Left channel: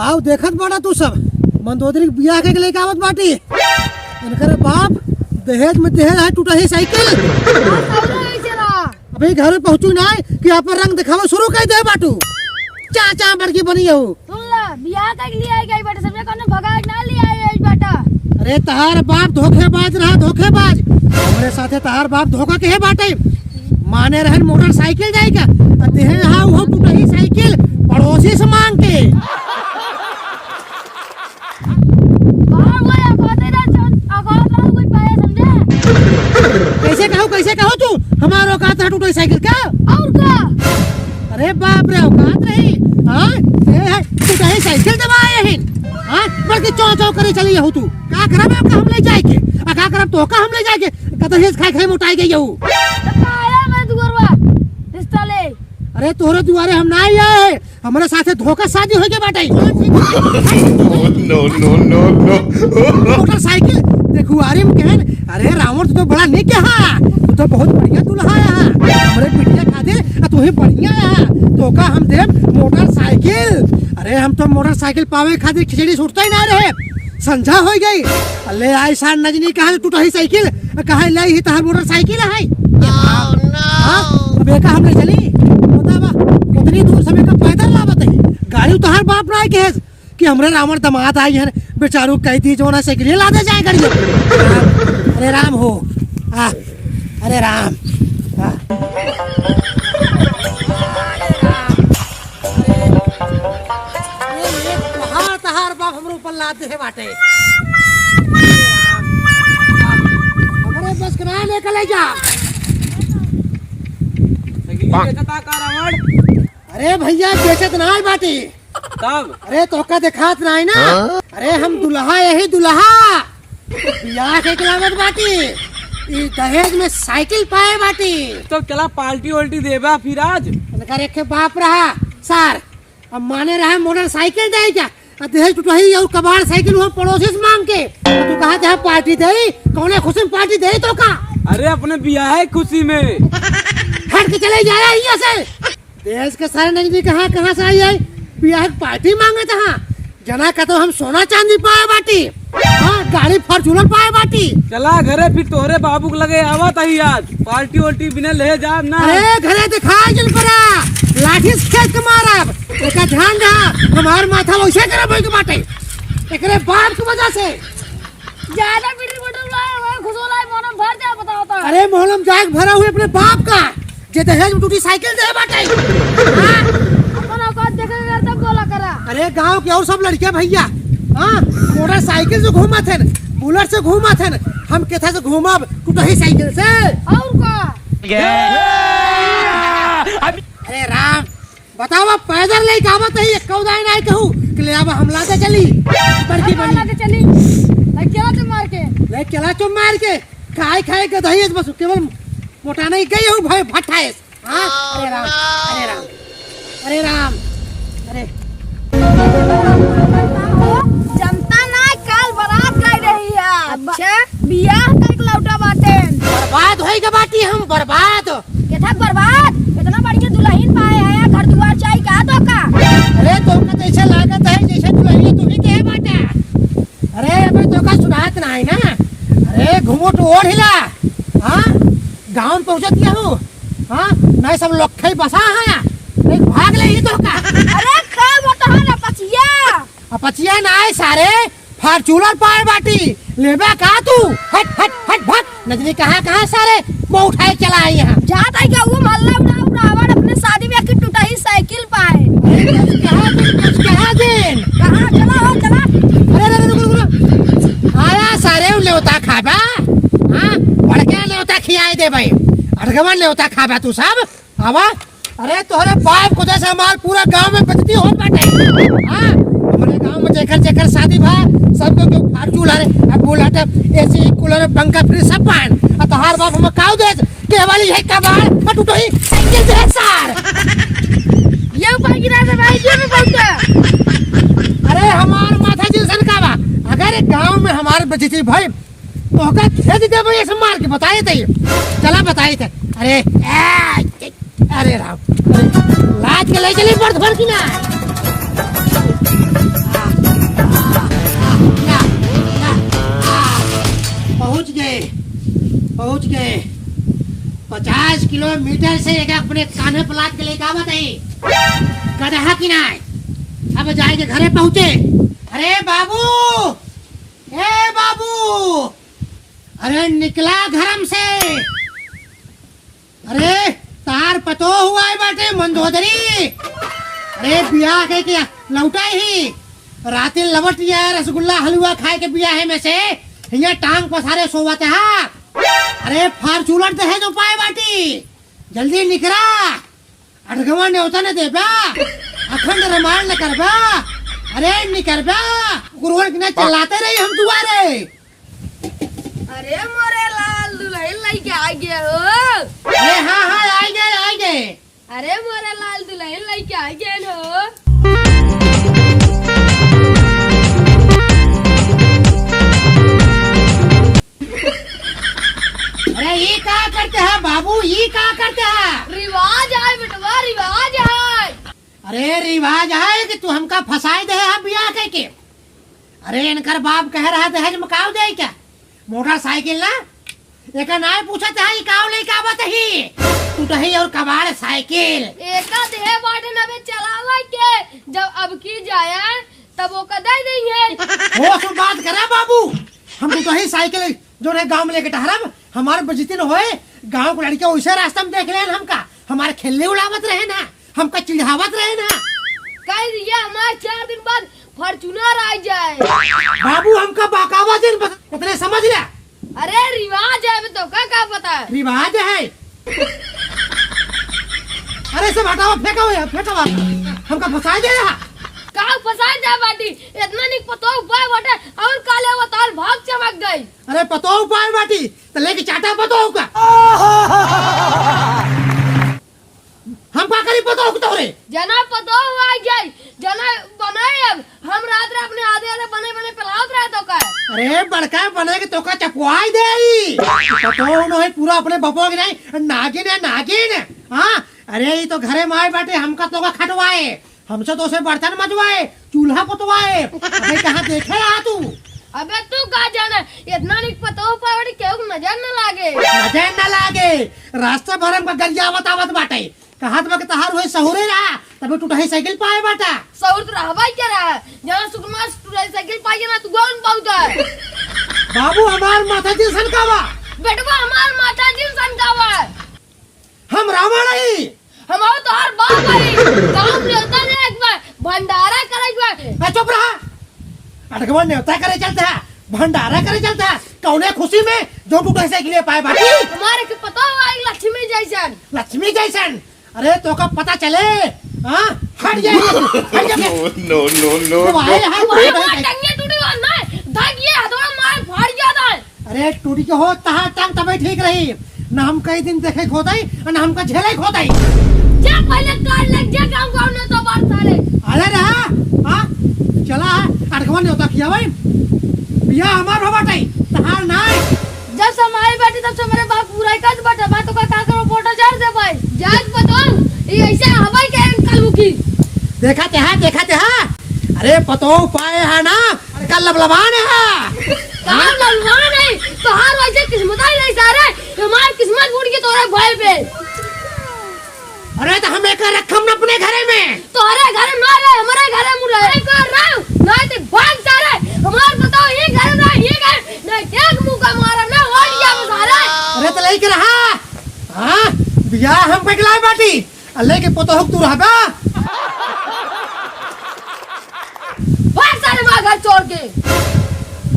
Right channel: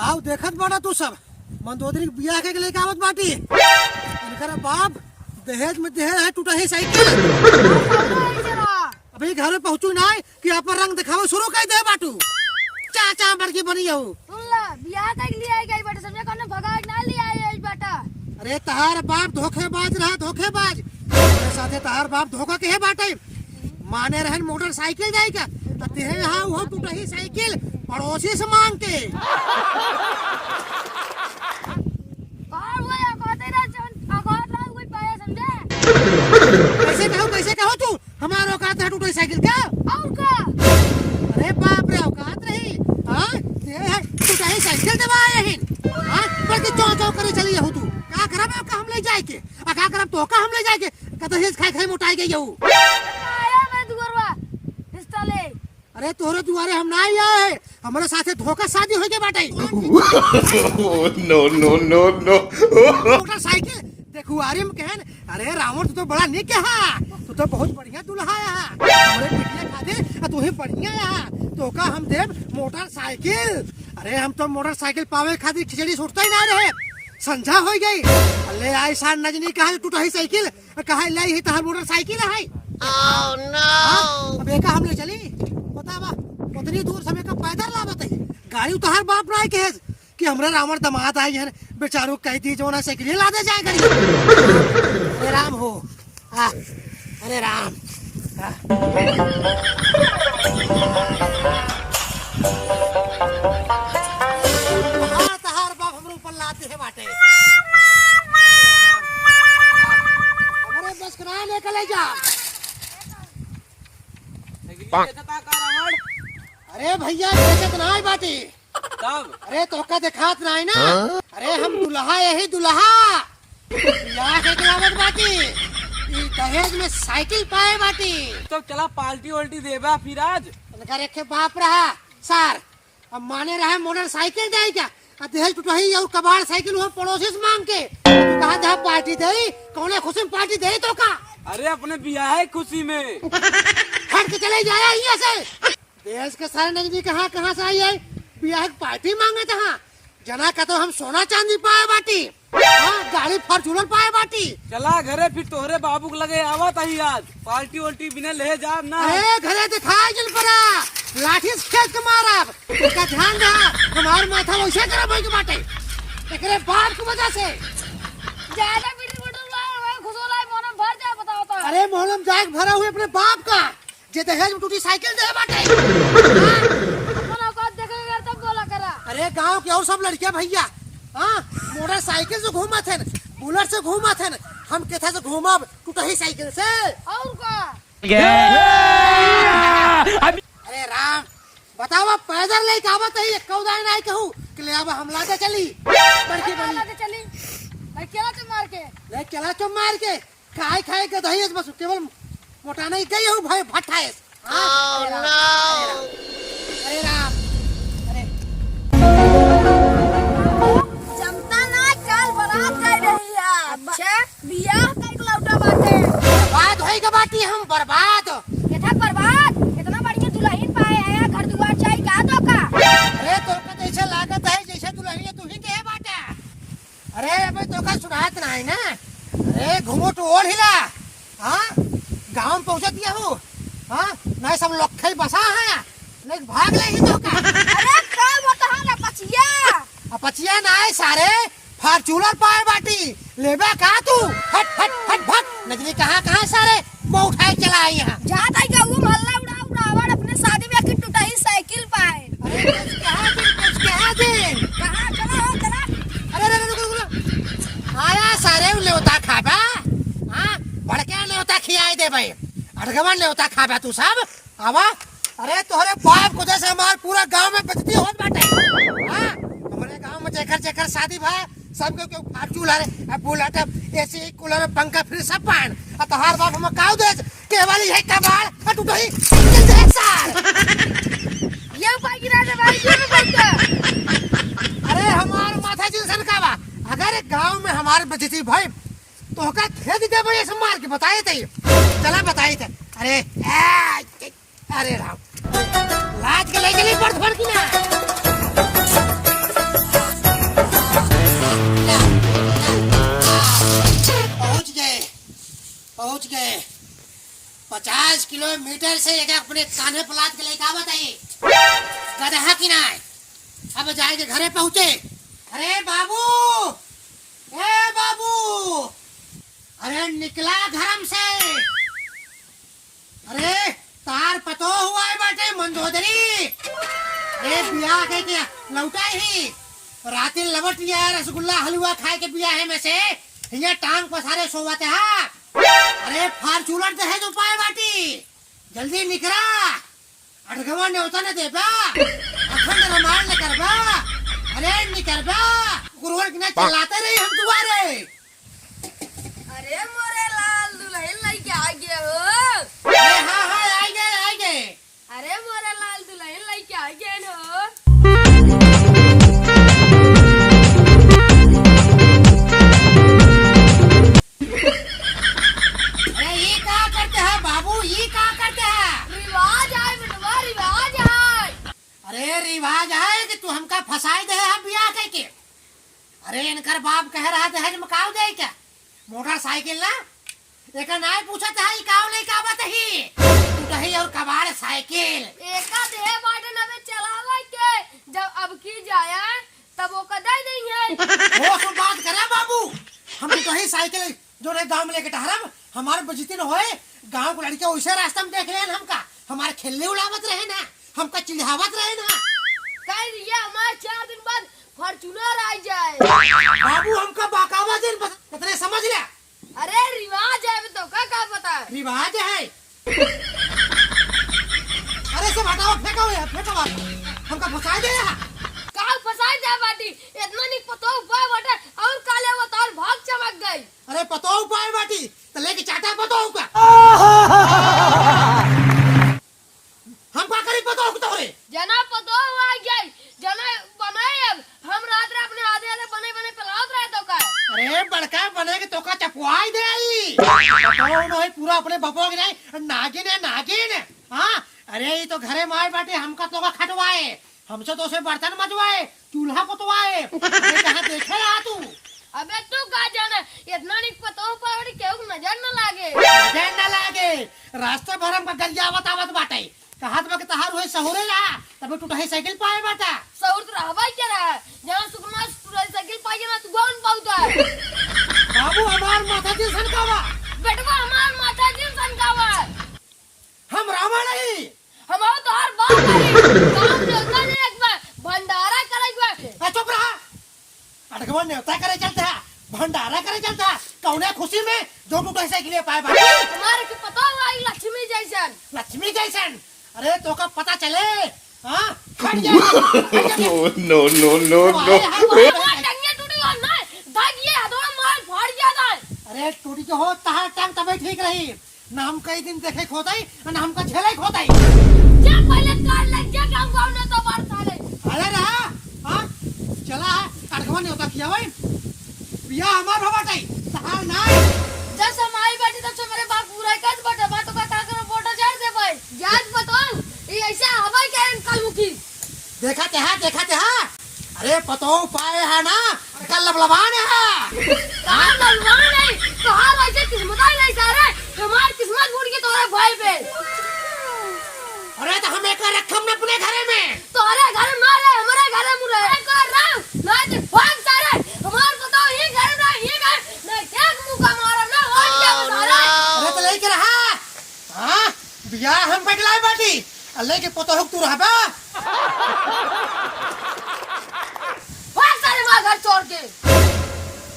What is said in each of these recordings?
काव देखत बाड़ा तू सब मंदोदरी के बियाह के लेके आवत बाटी। इनकर बाप दहेज में देहल है टूटा ही साइकिल। अभी घर में पहुंचू ना कि आप रंग दिखावा शुरू कर दे बाटू। चाचा बड़की बनी हो। सुन ला बियाह के लिए आई गई बेटा सबने कौन भगाए ना ले आई बेटा। अरे तहार बाप धोखेबाज रहा धोखेबाज। मेरे साथे तहार बाप धोखा के है बाटे। माने रहन मोटरसाइकिल जाएगा देहल हा वो टूटा ही साइकिल पड़ोसी से मांग के। कैसे कहो तू हमारा औकात है टूटी साइकिल का और का। अरे बाप रे औकात रही। हां ये टूटी साइकिल दबाए है। हां बल्कि चौ चौ करे चली हो तू का करब का हम ले जाए के का करब तो का हम ले जाए के कतहेस खाई मोटाई गई हो। आया मैं दुगरवा रिश्ता ले। अरे तोरे दुआरे हम ना आए हमारे साथे धोखा शादी हो के बाटे। No no no no motorcycle देखू आरे में कहन अरे रावण तो बड़ा निक है तू तो बहुत बढ़िया दूल्हा है हमरे बिटिया खातिर तू ही बढ़िया है तो का हम दे मोटरसाइकिल। अरे हम तो मोटरसाइकिल पावे खातिर खिचड़ी सुटता ही ना रहे संझा हो गई। अल्ले ऐसा नजनी कहा टूटा ही साइकिल कहा ले ही तहार मोटरसाइकिल है। ओह नो बेका हमने चली बतावा उतनी दूर समय का पैदल ला बताई गाड़ी तहार बाप ना के कि हमरे रावण दामाद आई है बेचारू कह दी जो ना साइकिल ला दे जाए गाड़ी। अरे राम हो अरे राम तहार बाप हमरे ऊपर लाते है बाटे हमरे बस करा लेके ले जा। अरे भैया बेचत ना है बाटी तब अरे तोका देखात ना है ना। अरे हम दुल्हा यही दुल्हा बियाह के खिलावत बाटी ई दहेज में साइकिल पाए बाटी। तो चला पार्टी वाल्टी देबा फिर आज इनका रेखे बाप रहा सर अब माने रहा मोटरसाइकिल दे क्या दहेज टूटही और कबाड़ साइकिल वो पड़ोसी से मांग के तू कहा जहाँ पार्टी दे कौन खुशी में पार्टी दे तो का। अरे अपने बियाह है खुशी में हट के चले जाया यहाँ से देश के सारे नजदीक कहाँ से आई है बियाह पार्टी मांगे था जना का तो हम सोना चांदी पाए बाटी गाड़ी फॉर्चूनर पाए बाटी। चला घरे फिर तोहरे बाबू के लगे आवत ही आज पार्टी वाल्टी बिना ले जा ना। अरे घरे दिखाए जल पड़ा लाठी से खेत के मारब इसका ध्यान रहा हमार माथा वैसे करे भाई के बाटे एकरे बाप की वजह से ज्यादा पीड़ी बटुला खुशोला मोनम भर जा बताओ तो। अरे मोहलम जाग भरा हुए अपने बाप का जे दहेज में टूटी साइकिल दे बाटे। अपन औकात देखेगा तब बोला करा। अरे गांव के और सब लड़के भैया मोटरसाइकिल से घूमा थे बुलेट से घूमा थे हम केथा से घूमब टूटा ही साइकिल से और का। अरे राम बताओ पैदल ले कावत है कौदाई नहीं कहूं कि ले अब हमला के चली बड़की चला के चली अकेला तो मार के ले चला तो मार के खाए के दहेज बस केवल मोटाना ही गई हूं भाई भट्ठाएस। हां अरे राम अरे राम अरे जनता ना काल बारात कर रही है। अच्छा बियाह तक लौटा बाटे बर्बाद होई के बाटी हम बर्बाद केथा बर्बाद इतना बढ़िया दुल्हन पाए है घर दुआर चाहिए का तो का। अरे तुमको तो ऐसा लागत है जैसे दुल्हन तू ही के बाटे। अरे अबे तो का सुनात ना है ना। अरे घूमो तो और हिला हां गांव में पहुंचत क्या हो हां मैं सब लोग खई बसा है एक भाग ले ही तो का। अरे का बता ना पछिया अपचिया ना है सारे फॉर्चूनर पाए बाटी लेबा का तू हट हट हट भट नजरी कहां सारे वो उठाए चला आई यहां जात है क्या वो मोहल्ला उठावन अपने शादी में की टूटा ही साइकिल पाए कहां दिन कहां चला हो चला। अरे रुक आया सारे लेवता खाबा हां बड़के लेवता खियाए दे भाई अड़गवन लेवता खाबा तू सब आवा। अरे तोहरे बाप को जैसे माल पूरा गांव में बेचती हो बाटे हां हमारे गांव में जेकर शादी भा सबको के फॉर्चूनर अब बुलेट एसी कूलर पंखा फ्रिज सब पान तोहार बाप हम काऊ दे के वाली है कबाड़ पटुटो ही साइकिल से सार ये ऊपर गिरा दे भाई ये बोलते। अरे हमार माथा जिसन का बा अगर गांव में हमारे बचती भाई तो का खेद दे भाई ऐसे मार के बताए थे चला बताए थे। अरे राम लाज के ले चली बर्द भर की ना 50 किलोमीटर से एक अपने कान्हे पलाट के लेके आवत है गधा की नाय। अब जाएंगे घरे पहुंचे। अरे बाबू, ए बाबू, अरे निकला घरम से। अरे तार पतो हुआ है बाटे मंदोदरी। अरे बिया के क्या लौटा ही राती लवट गया रसगुल्ला हलवा खाए के बिया है में से यहाँ टांग पसारे सोवत है। अरे फार्चूनर दहे जो पाए बाटी जल्दी निकरा। अड़गवा न्योता ने देबा अखंड रमाल न करबा। अरे निकरबा गुरुवर ने चलाते रही हम दुआरे। अरे मोरे लाल दुल्हन लेके आ गया हो। अरे हाँ हाँ आ गए। अरे मोरे लाल दुल्हन लेके आ गया हो। अरे ये क्या करते हैं बाबू, ये क्या करते हैं? रिवाज है बेटवा, रिवाज है। अरे रिवाज है कि तू हमका फसाई दे हम बिया के। अरे इनकर बाप कह रहा दहेज मकाव दे क्या मोटरसाइकिल ना एक नाय पूछत है ये काव ले का बताही तू दही और कबाड़ साइकिल एका देह बाटे नबे चलावा के जब अब की जाए तब वो कदाई नहीं है। वो सब बात करा बाबू। हम तो ही साइकिल जो रे गांव में लेके टहरब हमारे बजती न होए। गांव के लड़के वैसे रास्ता में देख ले हमका हमारे खेलने उड़ावत रहे ना हमका चिढ़ावत रहे ना। कह दिया हमारे 4 दिन बाद फॉर्च्यूनर आ जाए। बाबू हमका बाकावा दिन इतने समझ ले। अरे रिवाज है तो क्या पता है। रिवाज है। अरे सब हटाओ फेंको हमका फंसा दे रहा। कहाँ फंसाई जाए बाटी इतना नहीं पतो उपाय बाटे और काले अवतार भाग चमक गई। अरे पतो उपाय बाटी तो लेके चाटा पतो का हम का करी पतो तो रे जना पतो आ गई जना बनाए अब हम रात रे अपने आधे बने पलावत रहे तो का। अरे बड़का बने के तो का चपवाई दे पतो न है पूरा अपने बपो के नहीं नागिन हाँ। अरे ये तो घरे माए बाटे हमका तो का खटवाए हमसे तो से बर्तन मजवाए चूल्हा पुतवाए। कहाँ देखे आ तू? अबे तू कहा जाना इतना नहीं पतो पावड़ी केहू नजर न लागे रास्ता भर हमका गरिया बतावत बाटे कहा तो तहार हुए सहुरे रहा तभी टूटा साइकिल पाए बाटा सौर तो रहवा क्या रहा जहाँ सुकुमार टूटा साइकिल पाई ना तू कौन पाऊता। बाबू हमार माथा जी सनकावा बेटवा हमार माता जी सनकावा हम रावण ही हम तो हर बात काम न्योता ने एक बार भंडारा करे चुप रहा। अटकवा न्योता करे चलता है भंडारा करे चलता है कौने खुशी में जो टूटा साइकिल पाए बाटी हमारे के पता हुआ लक्ष्मी जैसन। अरे तो का पता चले हाँ हट जाए। नो नो नो नो टंगे टूटी और ना धागिए हथौड़ा मार फाड़ जाता है। अरे टूटी के हो तहां टांग तबे ठीक रही ना हम कई दिन देखे खोदाई ना हमका झेले खोदाई। जा पहले कार लग जा गांव ने तो बात साले अरे रहा हाँ चला अटकवा न्योता किया भाई बिया हमार भबाटाई तहार ना जब समाई बैठी तब से मेरे बाप पूरा कद बटा बात तो का करो फोटो जान दे भाई जान पतो ये ऐसे हवाई के कल मुकी देखा ते हाँ। अरे पतो पाए है ना कल लबलबान है कहां ललवान है तो हार वैसे किस्मत ही नहीं सारे हमारी किस्मत फूट के तोरे भाई पे। अरे तो हम एक रखम न अपने घरे में तोरे घर मारे हमारे घर में रहे कर रहा ना ते भाग सारे हमार पतो ये घर ना ये घर ना क्या मुका मारा ना हो गया सारा। अरे तो लेके रहा हाँ बिया हम पगलाए बाटी अल्लाह के पतो हुक तू रहबा भाग सारे मां घर छोड़ के।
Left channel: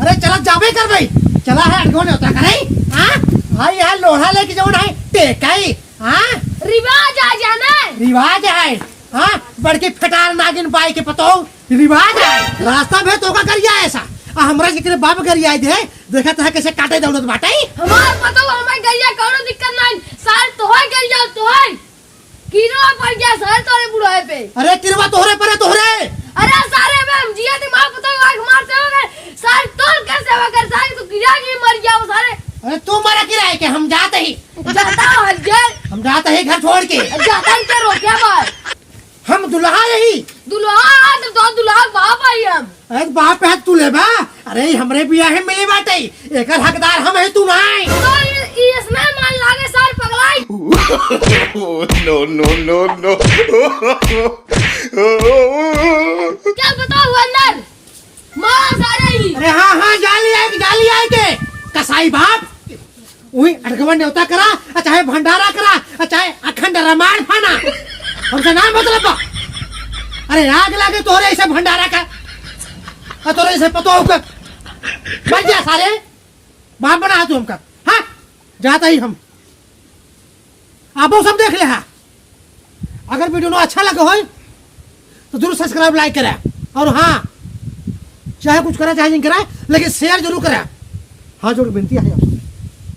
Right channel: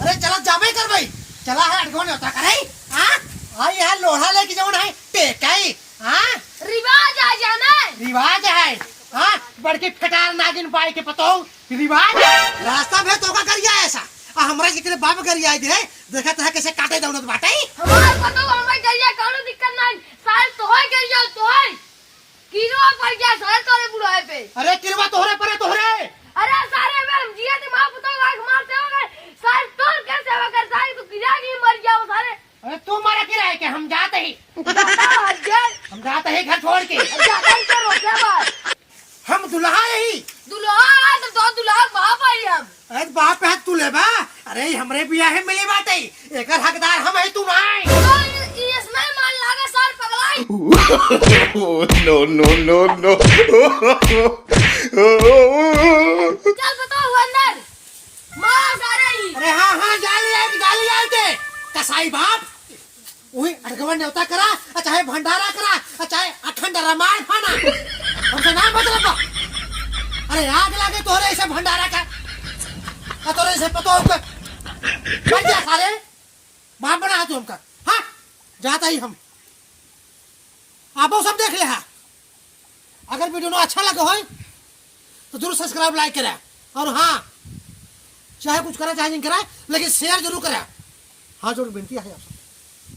अरे चला जाबे कर भाई चला है अटकवा न्योता करे हाँ भाई यार लोहा लेके जाओ ना टेकाई हाँ रिवाज आ जाना रिवाज है हाँ बड़की फटार नागिन पाई के पतो रिवाज है रास्ता भे तो का करिया ऐसा हमरा के बाप करिया दे देखा था कैसे काटे दौलत बाटे हमार पतो हमार गरिया कोनो दिक्कत नहीं साल तो है गरिया तो है कीरो पड़ गया साल तोरे बुढ़ाए पे। अरे किरवा तोहरे पर तोहरे अरे सारे में हम जिया दिमाग पतो आंख मारते हो गए साल तोड़ कैसे वगर साल तो गिरा की मर गया वो सारे। अरे तू मरा किराए के हम जाते ही हम जाते ही घर छोड़ के जाता ही करो क्या बात हम दुल्हा रही दुल्हा तो दुल्हा बाप आई हम। अरे बाप है तू लेबा अरे हमरे बियाह में मिली बाटे एकर हकदार हम है तू नहीं तो इसमें मान लागे साल पगलाई no, no, no, no. क्या बताओ अंदर मार सारे ही अरे हाँ हाँ जाली आए के कसाई बाप वही अटकवन न्योता करा चाहे भंडारा करा चाहे अखंड रामायण फाना हमसे नाम मतलब बा। अरे आग लागे तोरे ऐसे भंडारा का तोरे ऐसे पतो होगा बन गया साले बाप बना तू हमका हाँ जाता ही हम आप सब देख ले है अगर वीडियो अच्छा लगे हो तो जरूर सब्सक्राइब लाइक करें और हाँ चाहे कुछ करा चाहे नहीं करा लेकिन शेयर जरूर करें हाँ जरूर विनती है आपसे।